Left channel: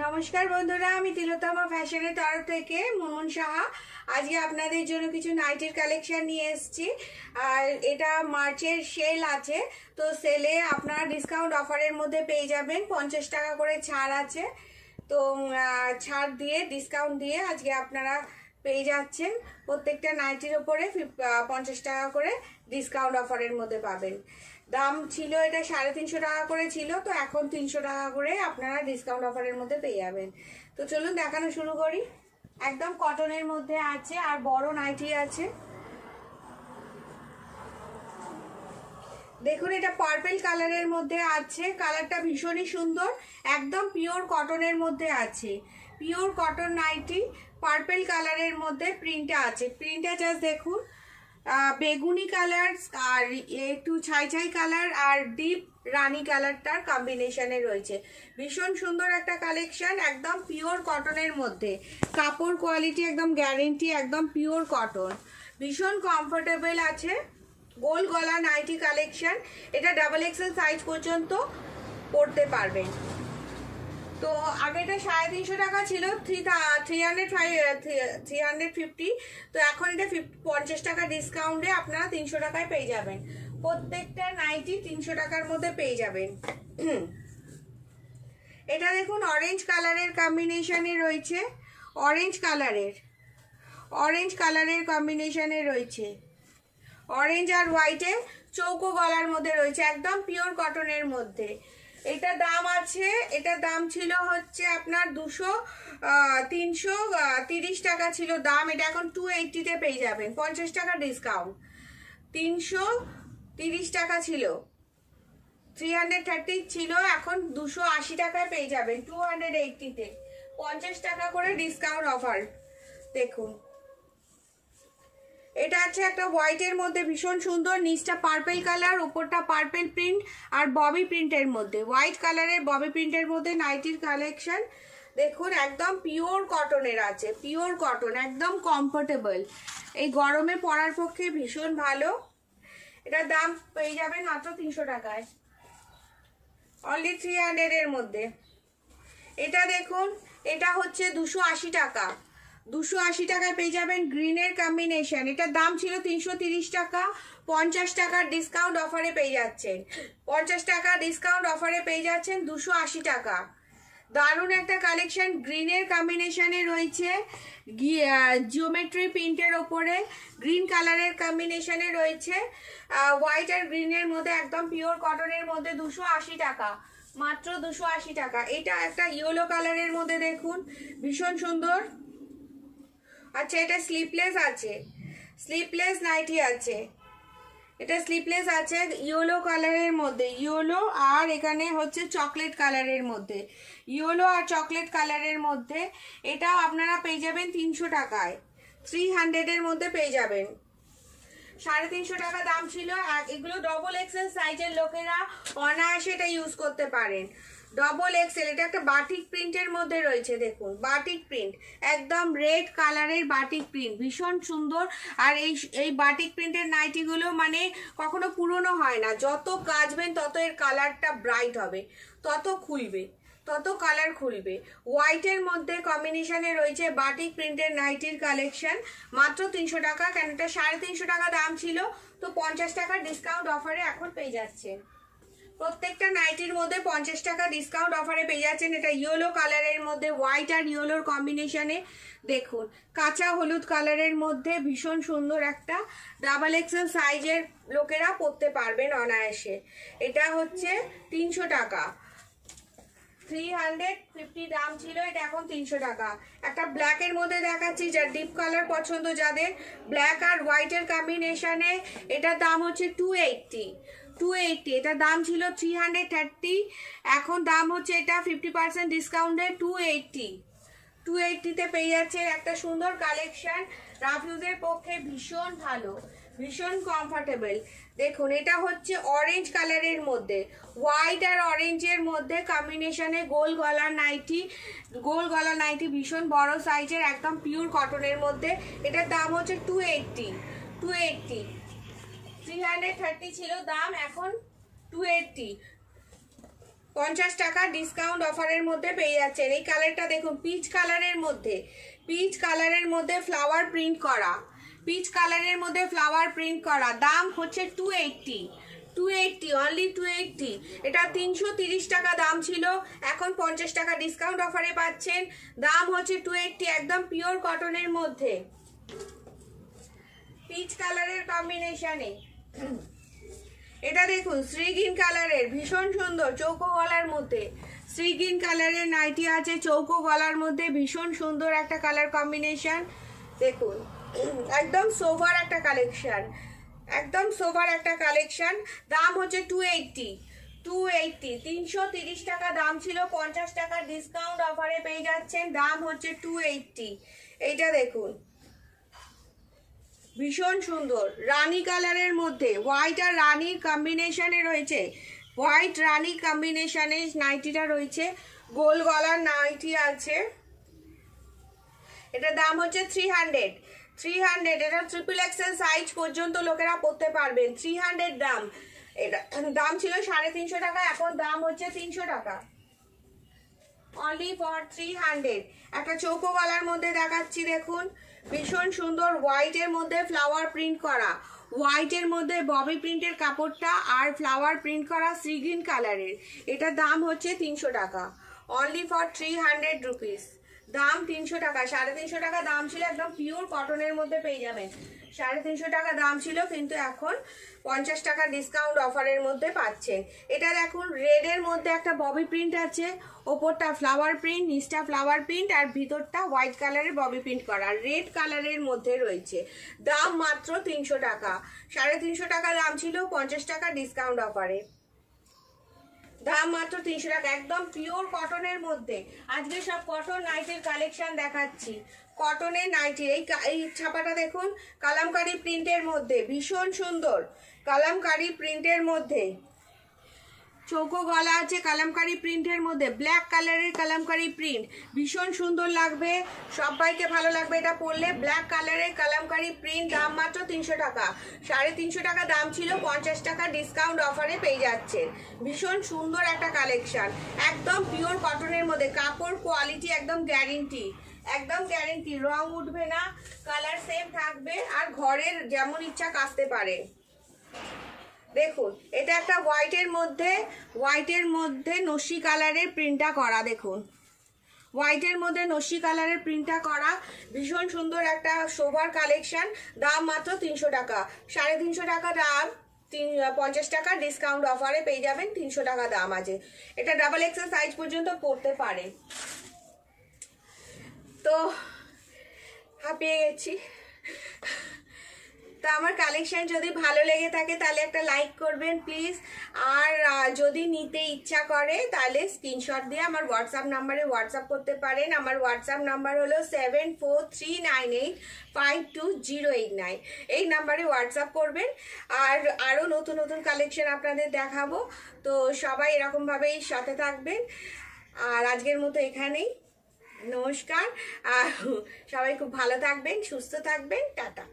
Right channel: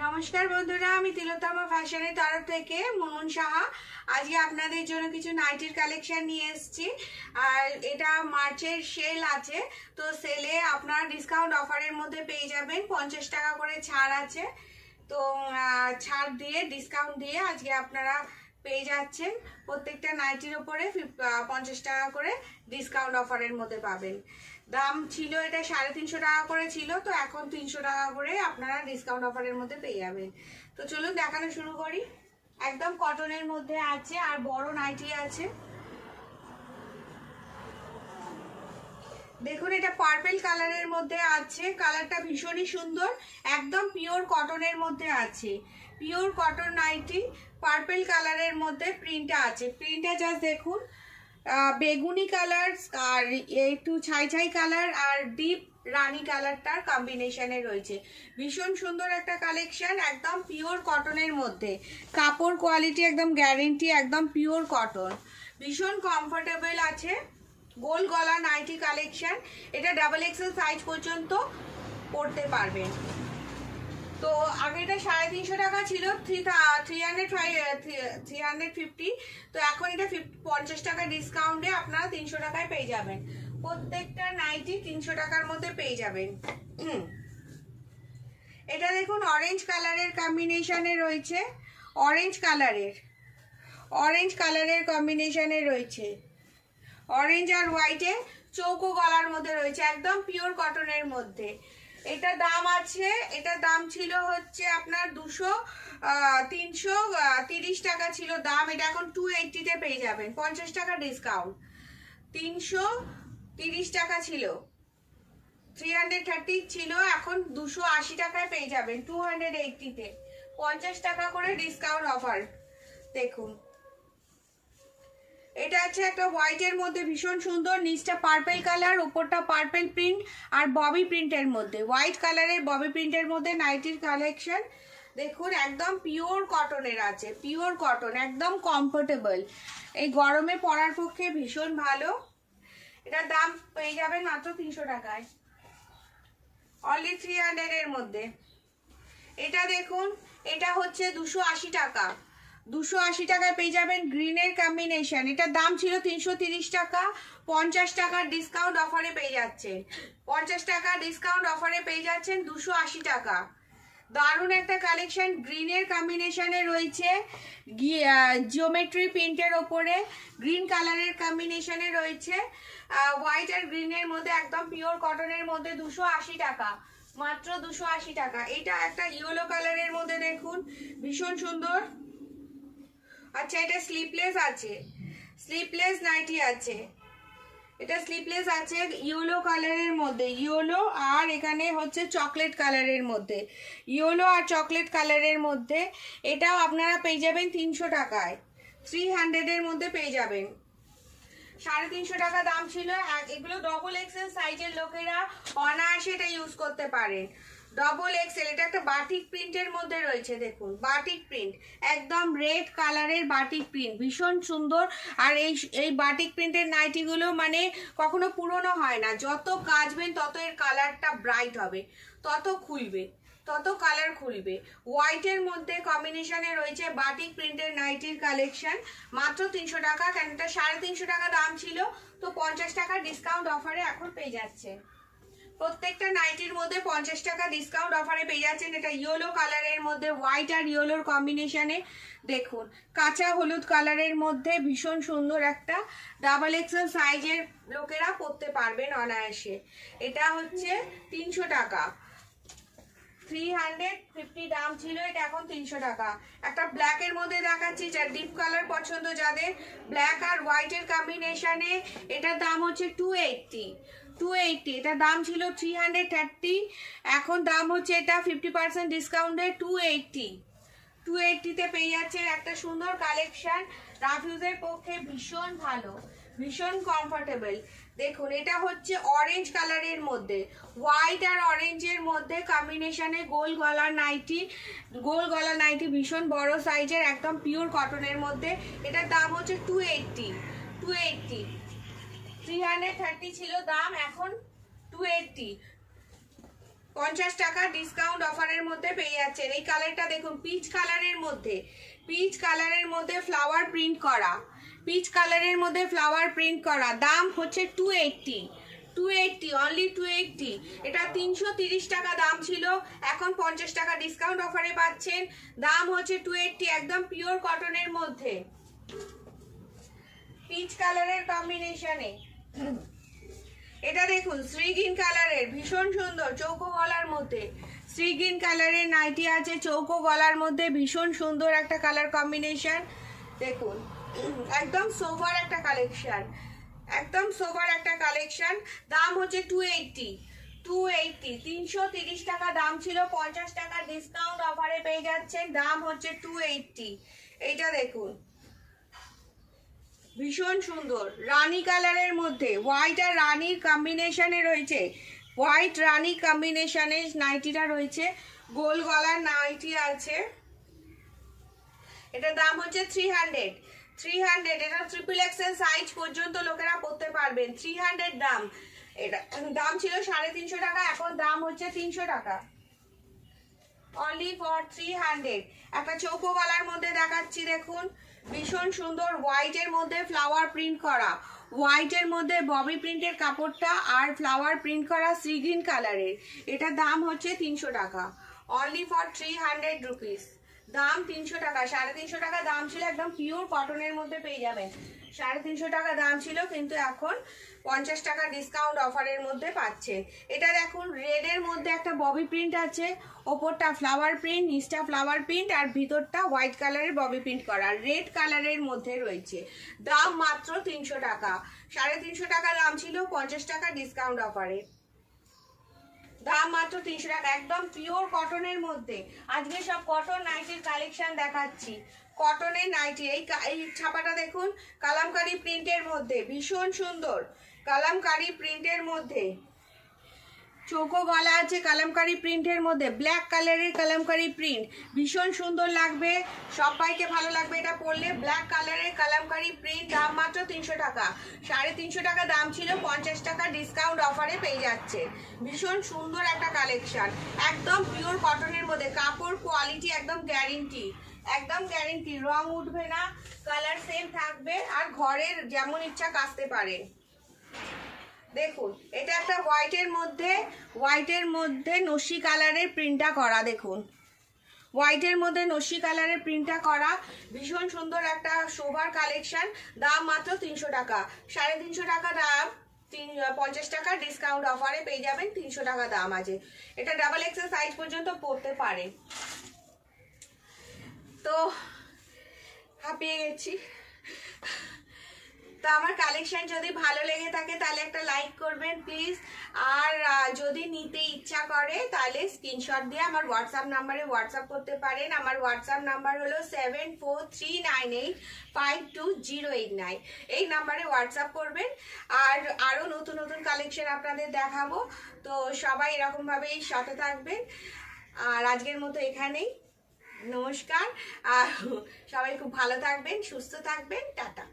নমস্কার বন্ধুরা, আমি তিলোত্তমা ফ্যাশনের তরফ থেকে মুনমুন সাহা আজকে আপনাদের জন্য কিছু নাইটির কালেকশন নিয়ে এসেছি। আর এটা মার্চের সেল আছে, তো সেলে আপনারা ডিসকাউন্ট অফারের মধ্যে পেয়ে যাবেন। 50 টাকা করে ছাড় আছে, তো ছাড় দিয়ে ডিসকাউন্ট দিয়ে আজকে আপনারা পেয়ে যাচ্ছেন। প্রত্যেকটা নাইটির ওপরে 50 টাকা করে ডিসকাউন্ট অফারের মধ্যে পাবেন। দাম ছিল এটা 350 টাকা করে ছিল, তো এখন 300 টাকা করে আপনারা ডিসকাউন্ট অফারের মধ্যে পেয়ে যাবেন। তো চলুন দেখানো শুরু করি। একদম কটনের মধ্যে আছে আর বড় নাইটি আছে। দেখুন, এটা পার্পল কালারের মধ্যে আছে, কালারটা ভীষণই সুন্দর। একদম পিওর কটনের মধ্যে আছে, পিওর কটন নাইটি, পার্পল কালারের মধ্যে প্রিন্টটা আছে। প্রিন্টটা জাস্ট দেখুন, বেগুনি কালার আর একটু ছাই ছাই কালার আর ডিপ রানী কালারটার কম্বিনেশনে রয়েছে। ভীষণ সুন্দর একটা কালেকশন, একদম পিওর কটনের মধ্যে। কাপড় কোয়ালিটি একদম গ্যারেন্টি, একদম পিওর কটন, ভীষণ কমফোর্টেবল আছে। গোল গলা নাইটি কালেকশন, এটা ডাবল এক্সেল সাইজ পর্যন্ত পরতে পারবেন। তো আগে এটা 350 টাকা ছিল, 350, তো এখন এটা 50 টাকা ডিসকাউন্টে আপনারা 300 টাকায় পেয়ে যাবেন। প্রত্যেকটা নাইটি 300 টাকার মধ্যে পেয়ে যাবেন। এটা দেখুন অরেঞ্জ কালারের কম্বিনেশনে রয়েছে, অরেঞ্জ কালারের কম্বিনেশনে রয়েছে, অরেঞ্জ আর হোয়াইটে চৌকো গলার মধ্যে রয়েছে, একদম পিওর কটনের মধ্যে। এটা দাম আছে, এটার দাম ছিল হচ্ছে আপনার 330 টাকা ছিল দাম, এটা এখন 280-তে পেয়ে যাবেন। 50 টাকা ডিসকাউন্ট, 330 টাকা ছিল, 330 ছিল, এখন 280 টাকায় পেয়ে যাবেন 280-তে। 50 টাকা করে ডিসকাউন্ট অফার। দেখুন, এটা আছে একটা হোয়াইটের মধ্যে, ভীষণ সুন্দর, নিচটা পার্পল কালার, উপরটা পার্পল প্রিন্ট আর ববি প্রিন্টের মধ্যে, হোয়াইট কালারের ববি প্রিন্টের মধ্যে নাইটির কালেকশন। দেখুন, একদম পিওর কটনের আছে, পিওর কটন, একদম কমফোর্টেবল, এই গরমে পরার পক্ষে ভীষণ ভালো। এটার দাম পেয়ে যাবেন মাত্র 300 টাকায়, অনলি 300 এর মধ্যে। এটা দেখুন, এটা হচ্ছে 280 টাকা, 280 টাকায় পেয়ে যাবেন গ্রিনের কম্বিনেশন। এটার দাম ছিল 330 টাকা, 50 টাকার ডিসকাউন্ট অফারে পেয়ে যাচ্ছেন। 50 টাকা ডিসকাউন্ট অফারে পেয়ে যাচ্ছেন 280 টাকা। দারুণ একটা কালেকশন, গ্রিনের কম্বিনেশনে রয়েছে, জিওমেট্রি প্রিন্টের ওপরে গ্রিন কালারের কম্বিনেশনে রয়েছে, হোয়াইট আর গ্রিনের মধ্যে, একদম পিওর কটনের মধ্যে। 280 টাকা, মাত্র 280 টাকা। এটা একটা ইয়েলো কালারের মধ্যে, দেখুন ভীষণ সুন্দর। আচ্ছা, এটা স্লিপলেস আছে, স্লিপলেস নাইটি আছে, এটা স্লিপলেস আছে ইয়েলো কালারের মধ্যে, ইয়েলো আর এখানে হচ্ছে চকলেট কালারের মধ্যে, ইয়েলো আর চকলেট কালারের মধ্যে। এটাও আপনারা পেয়ে যাবেন 300 টাকায়, 300 এর মধ্যে পেয়ে যাবেন। 350 টাকা দাম ছিল। এগুলো ডবল এক্সেল সাইজের লোকেরা অনায়াসে এটা ইউজ করতে পারেন। ডবল এক্সেল, এটা একটা বাটিক প্রিন্টের মধ্যে রয়েছে, দেখুন বাটিক প্রিন্ট, একদম রেড কালারের বাটিক প্রিন্ট, ভীষণ সুন্দর। আর এই বাটিক প্রিন্টের নাইটিগুলো মানে কখনো পুরনো হয় না, যত কাচবেন তত এর কালারটা ব্রাইট হবে, তত খুলবে, তত কালার খুলবে। হোয়াইটের মধ্যে কম্বিনেশনে রয়েছে বাটিক প্রিন্টের নাইটির কালেকশন, মাত্র 300 টাকা। কেন এটা 350 টাকা দাম ছিল, তো 50 টাকা ডিসকাউন্ট অফারে এখন পেয়ে যাচ্ছে। প্রত্যেকটা নাইটির মধ্যে 50 টাকা ডিসকাউন্ট অফারে পেয়ে যাচ্ছেন। এটা ইয়েলো কালারের মধ্যে, হোয়াইট আর ইয়েলোর কম্বিনেশনে, দেখুন কাঁচা হলুদ কালারের মধ্যে, ভীষণ সুন্দর একটা, ডাবল এক্সেল সাইজের লোকেরা পরতে পারবেন অনায়াসে। এটা হচ্ছে 300 টাকা, 350 দাম ছিল, এটা এখন 300 টাকা। একটা ব্ল্যাকের মধ্যে দেখাচ্ছি, যার ডিপ কালার পছন্দ যাদের, ব্ল্যাক আর হোয়াইটের কম্বিনেশনে, এটার দাম হচ্ছে 280, এটা দাম ছিল 330, এখন দাম হচ্ছে এটা 50% ডিসকাউন্টে 280-তে পেয়ে যাচ্ছে। একটা সুন্দর কালেকশন, রাফিউজের পক্ষে ভীষণ ভালো, ভীষণ কমফোর্টেবল। দেখুন, এটা হচ্ছে অরেঞ্জ কালারের মধ্যে, হোয়াইট আর অরেঞ্জের মধ্যে কম্বিনেশনে গোল গলা নাইটি, ভীষণ বড় সাইজের, একদম পিওর কটনের মধ্যে। এটার দাম হচ্ছে 280, 330 ছিল দাম, এখন 280। 50 টাকা ডিসকাউন্ট অফারের মধ্যে পেয়ে যাচ্ছেন। এই কালারটা দেখুন, পিচ কালারের মধ্যে, পিচ কালারের মধ্যে ফ্লাওয়ার প্রিন্ট করা, পিচ কালারের মধ্যে ফ্লাওয়ার প্রিন্ট করা। দাম হচ্ছে 280 অনলি 280। এটা 330 টাকা দাম ছিল, এখন 50 টাকা ডিসকাউন্ট অফারে পাচ্ছেন। দাম হচ্ছে 280, একদম পিওর কটনের মধ্যে, পিচ কালারের কম্বিনেশনে। এটা দেখুন সি গ্রিন কালারের, ভীষণ সুন্দর চৌকো গলার মধ্যে। সি গ্রিন কালারের নাইটি আছে চৌকো গলার মধ্যে, ভীষণ সুন্দর একটা কালার কম্বিনেশন। দেখুন একদম সোভার একটা কালেকশন, একদম সোভার একটা কালেকশন। দাম হচ্ছে 280, 330 টাকা দাম ছিল, 50 টাকা ডিসকাউন্ট অফারে পেয়ে যাচ্ছেন। দাম হচ্ছে 280। এইটা দেখুন ভীষণ সুন্দর রানী কালারের মধ্যে, হোয়াইট আর রানীর কম্বিনেশনে রয়েছে, হোয়াইট রানী কম্বিনেশনে নাইটিটা রয়েছে, গোল গলার নাইটি আছে। এটার দাম হচ্ছে 300। এটা ট্রিপল এক্সেল সাইজ পর্যন্ত লোকেরা পরতে পারবেন। 300 দাম। এটা দাম ছিল 350 টাকা, এখন দাম হচ্ছে 300 টাকা, অনলি ফর 300। একটা চৌকো গলার মধ্যে দেখাচ্ছি, দেখুন ভীষণ সুন্দর হোয়াইটের মধ্যে ফ্লাওয়ার প্রিন্ট করা, হোয়াইটের মধ্যে ববি প্রিন্টের কাপড়টা আর ফ্লাওয়ার প্রিন্ট করা সি গ্রিন কালারের। এটার দাম হচ্ছে 300 টাকা, অনলি ফর 300 রুপিস। দাম 300 টাকা, 350 টাকা দাম ছিল, একদম পিওর কটনের মধ্যে পেয়ে যাবেন। 350 টাকা দাম ছিল, কিন্তু এখন 50 টাকা ডিসকাউন্ট অফারের মধ্যে পাচ্ছেন। এটা দেখুন রেডের মধ্যে একটা ববি প্রিন্ট আছে, ওপরটা ফ্লাওয়ার প্রিন্ট, নিচটা ফ্লাওয়ার প্রিন্ট আর ভিতরটা হোয়াইট কালারের ববি প্রিন্ট করা, রেড কালারের মধ্যে রয়েছে। দাম মাত্র 300 টাকা, 350 টাকা দাম ছিল, 50 টাকা ডিসকাউন্ট অফারে দাম মাত্র 300 টাকা, একদম পিওর কটনের মধ্যে। আজকে সব কটন নাইটির কালেকশন দেখাচ্ছি, কটনের নাইটি। এই ছাপাটা দেখুন কালামকারী প্রিন্টের মধ্যে, ভীষণ সুন্দর কালামকারী প্রিন্টের মধ্যে, চৌকো গলা আছে কালামকারী প্রিন্টের মধ্যে, ব্ল্যাক কালারের কালামকারী প্রিন্ট, ভীষণ সুন্দর লাগবে, সবাইকে ভালো লাগবে এটা পরলে। ব্ল্যাক কালারের কালামকারী প্রিন্ট, দাম মাত্র 300 টাকা, 350 টাকা দাম ছিল, 50 টাকা ডিসকাউন্ট অফারে পেয়ে যাচ্ছে। ভীষণ সুন্দর একটা কালেকশন, একদম পিওর কটনের মধ্যে, কাপড় কোয়ালিটি একদম গ্যারেন্টি, একদম গ্যারেন্টি, রং উঠবে না, কালার সেম থাকবে, আর ঘরের যেমন ইচ্ছা কাচতে পারে। দেখুন এটা একটা হোয়াইটের মধ্যে নস্যি কালারের প্রিন্টটা করা, দেখুন হোয়াইটের মধ্যে নস্যি কালারের প্রিন্টটা করা, ভীষণ সুন্দর একটা শোভার কালেকশন। দাম মাত্র 300 টাকা, 350 টাকা দাম, 50 টাকা ডিসকাউন্ট অফারে পেয়ে যাবেন। 300 টাকা দাম আছে। এটা ডাবল এক্সেল সাইজ পর্যন্ত পরতে পারে। তো হাঁপিয়ে গেছি। তো আমার কালেকশন যদি ভালো লেগে থাকে তাহলে একটা লাইক করবেন প্লিজ, আর যদি নিতে ইচ্ছা করে তাহলে স্ক্রিনশট দিয়ে আমার হোয়াটসঅ্যাপ নাম্বারে হোয়াটসঅ্যাপ করতে পারেন। আমার হোয়াটসঅ্যাপ নাম্বার হলো 7439852089। এই নাম্বারে হোয়াটসঅ্যাপ করবেন, আর আরও নতুন নতুন কালেকশন আপনাদের দেখাবো। তো সবাই এরকমভাবেই সাথে থাকবেন, আর আজকের মতো এখানেই, নমস্কার। আর সবাই খুব ভালো থাকবেন, সুস্থ থাকবেন, টাটা।